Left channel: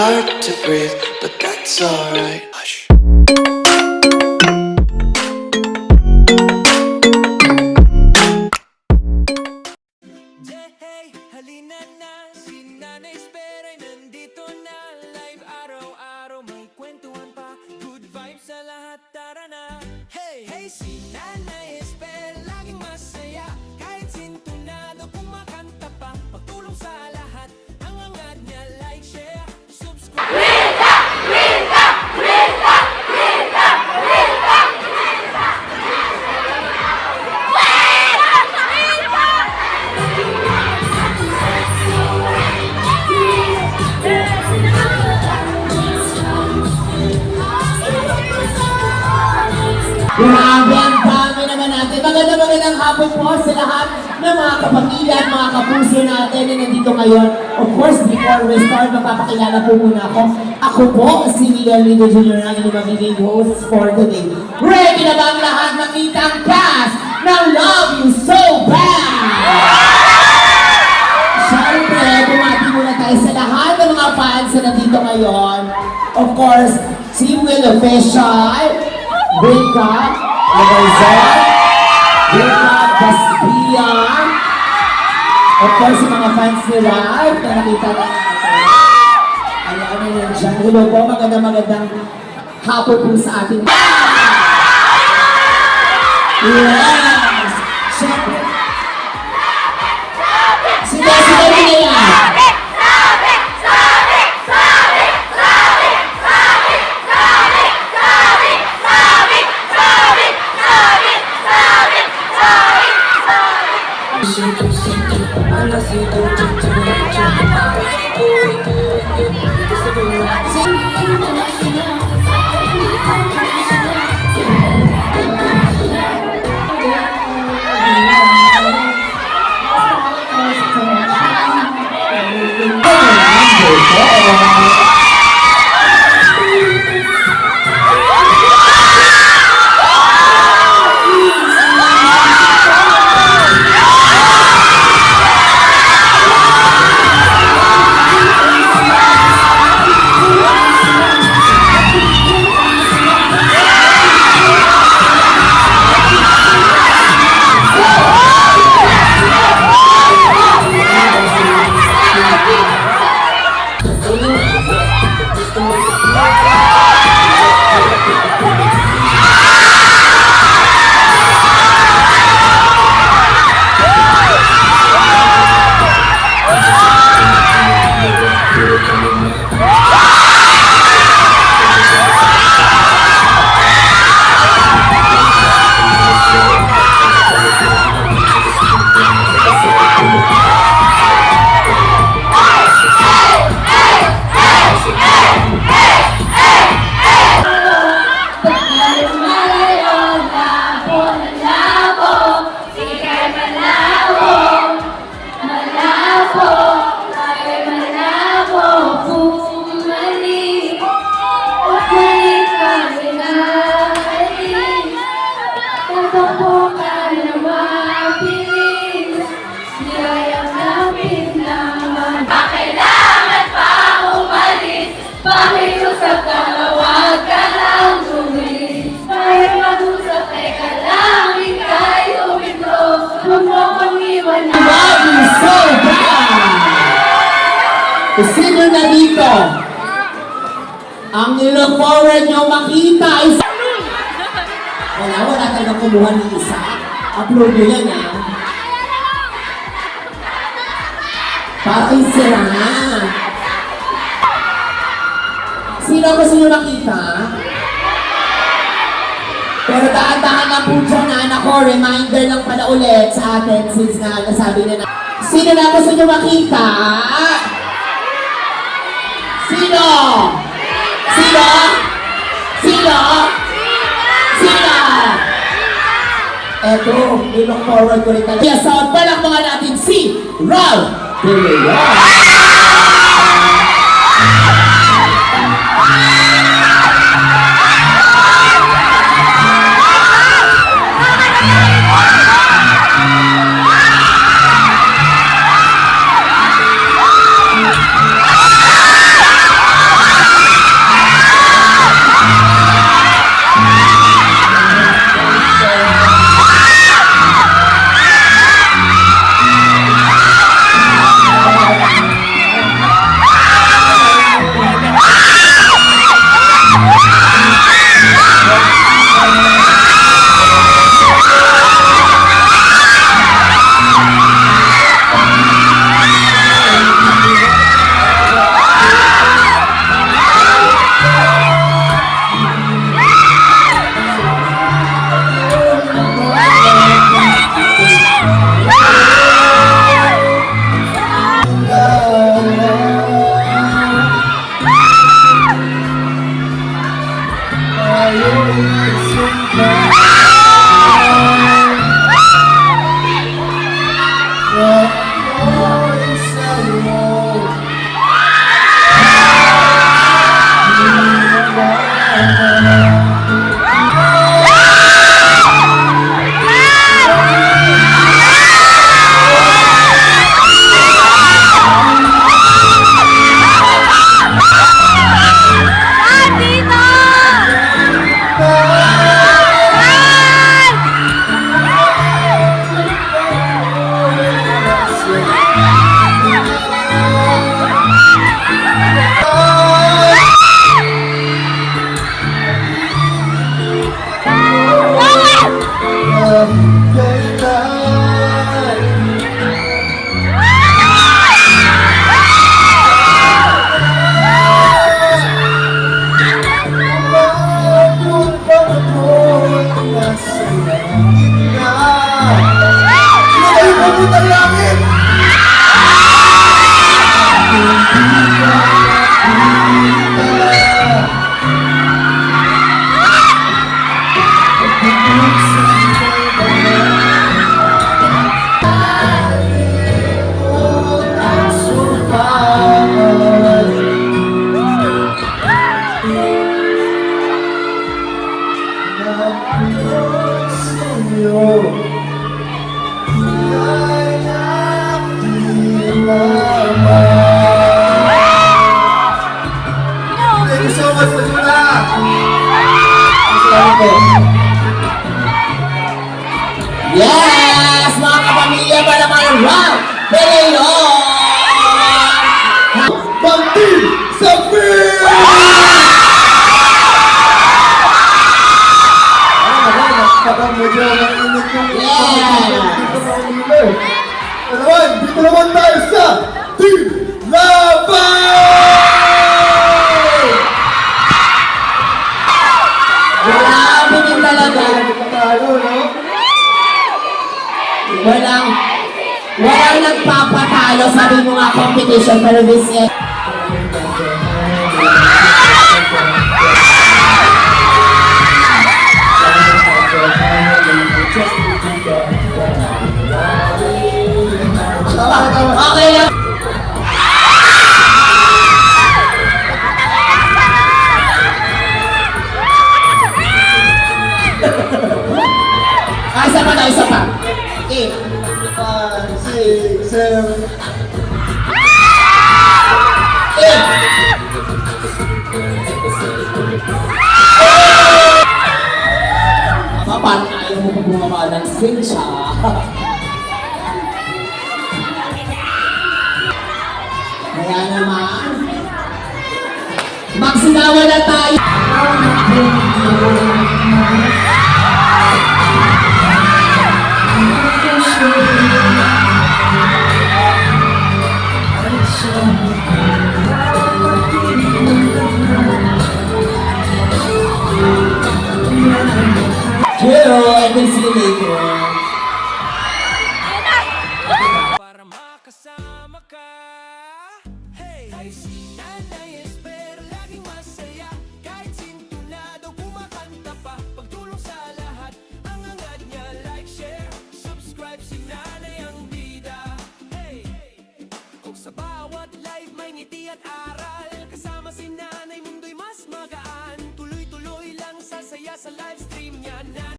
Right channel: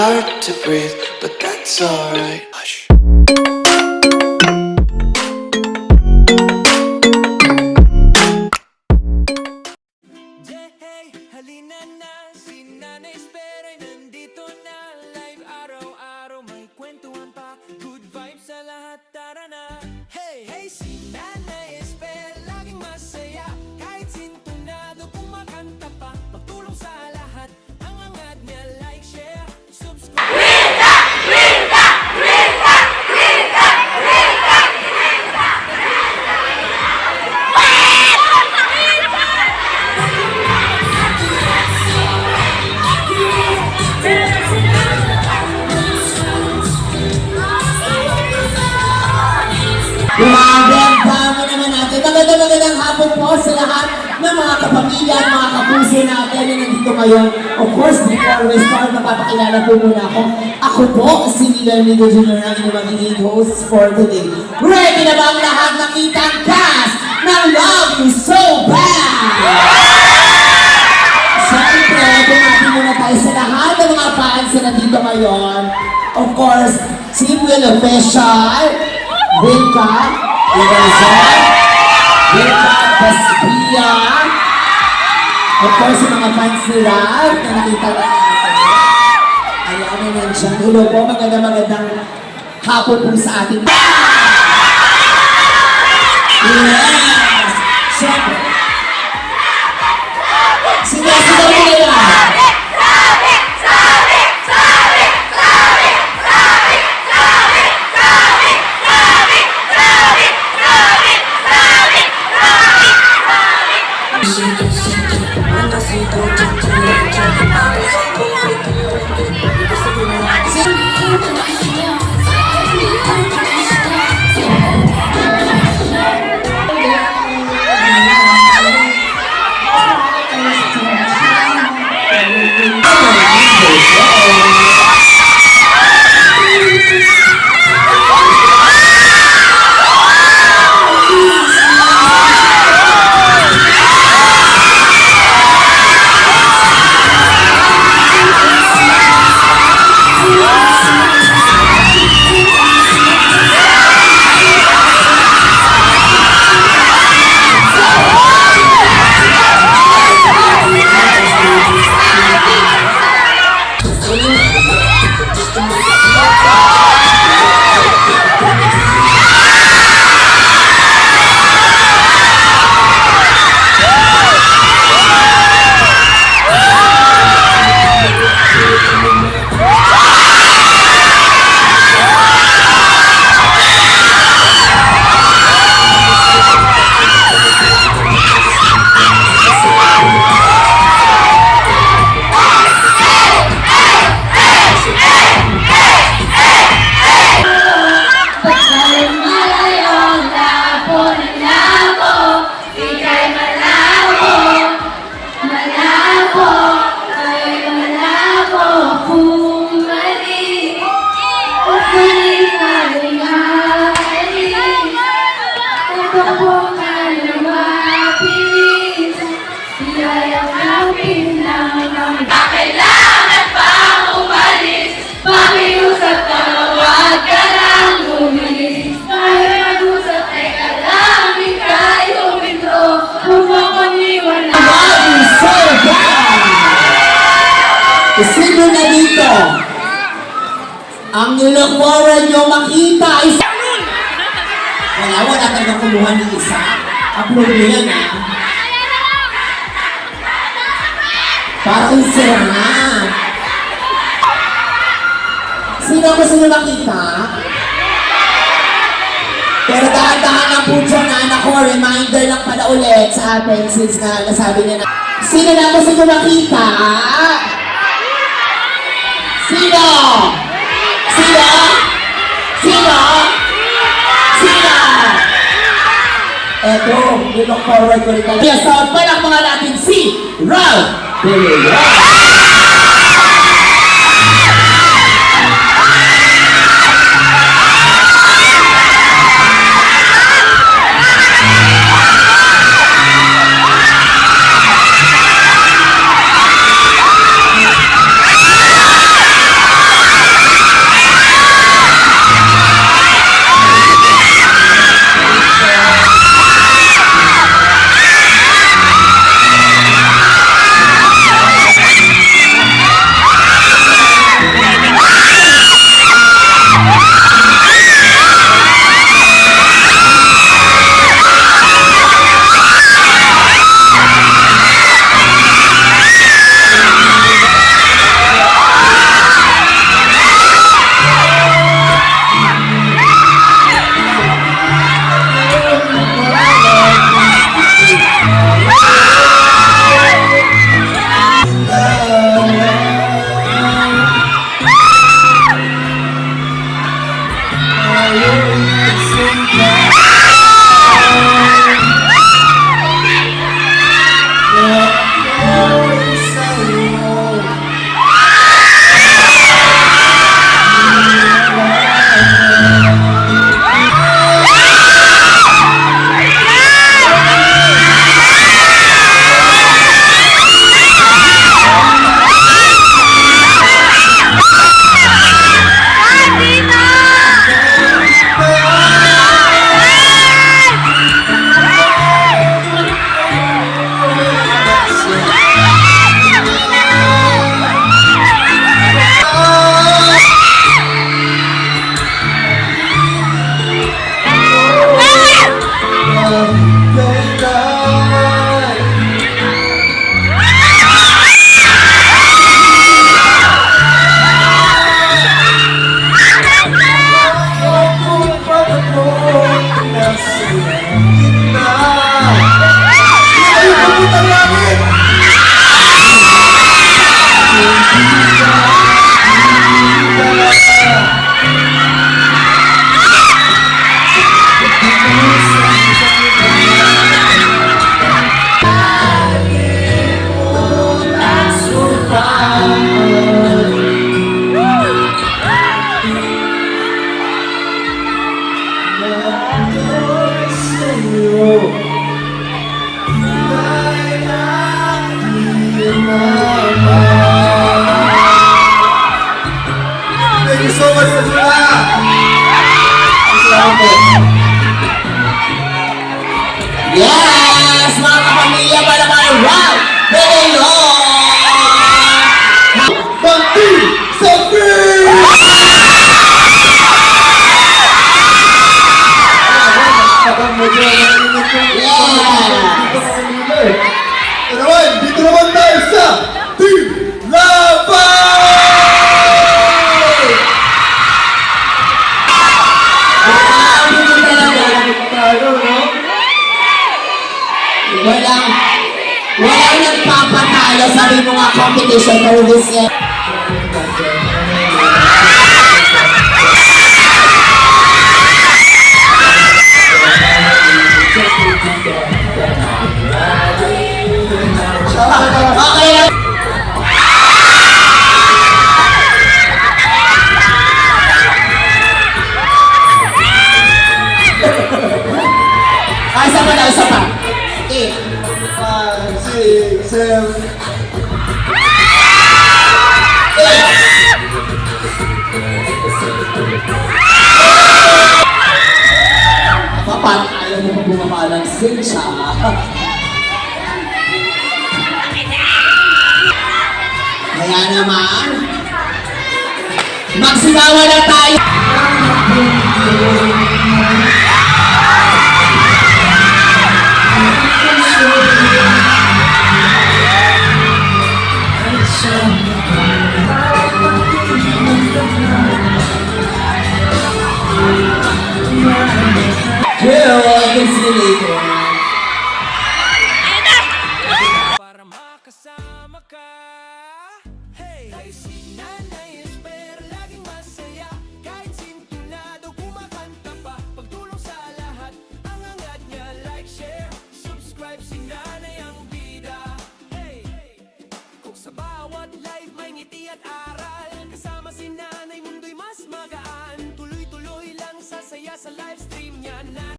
hard to breathe, but that's alright. Hush. Hey, halina na, si Nanay Espera'y nandito na. Live araw-araw, may kwentuhan pa. Good vibes sa lahat, tara na. Hey, hey, si Nanay Esper, laging masaya. Kahit sintunado, kumakanta pa. Pagtulong sa lahat, ang angat niya, like, share, subscribe. Rita! Rita! Rita! Rita! Rita! Grabe, ang dami naman natin. Magandang hapon po sa lahat ng mga kapamilya at mga kapuso natin na nandito ngayon. Of course, before we start, mapapakilala po muna ako. Ako po, si Leonardo Jr. ang inyong magiging host for today. Ready na ba ang lahat makita ang cast ng Love You So Bad? Siyempre, bumati muna tayo sa lahat ng mga fans na nandito ngayon. Of course, si Will Official, Wilka, Lagarzon, Wilka Caspia, of course, yung mga fans ni Ralph na nakita na natin. Ayan na yan siya. Hello po, magandang hapon po sa ating. Yes! Siyempre. Sigaw nila! Sino na dito? Ang nilook forward nyo makita ay wala kang kumuha ni isa. Upload nyo yan, ha? Parang sira. Sino gusto nyo makita? Pero dahan-dahan lang po dyan, anak ko. Reminder lang pala ulit sa atin since na nasabi niya na. Sino na gusto nyo makita? Sino? Sino? Sino? Sino? Eto, we look forward ko rin talaga. Kaya sa palakpakan natin si Ralph Villar. Thank you so much, Pajula! Salamat po. Yes! Mga kapamilya pa naman, wow! Panginoon! Bangti sa free! Kapag medyo mainit yung dito mo kanina eh. Naman, dito naman tayo sa Team Laban! Grabe po talaga. Tayo, no? Walang nagpapatalo sa rin mga competition for this year. Okay lang. Ay, isa pa na, isa pa. Okay. 5, 6, 7. Kapag ayaw mo pa bumaba ng sinsya. Kaya naman, magsigawa na tayo. Hello, I can see you later. Para makasama ka. Hey, ay si Nanay Esper, laging masaya. Kahit sintunado, kumakanta pa. Pagtulong sa lahat, ang angat niya. Like, share, subscribe, si Nanay ang bida. Hey, kung sa bawat live may ngiti at aral, kasama si Nanay, mundo'y mas magaan. Tuloy-tuloy lang sasaya sa live stream niya.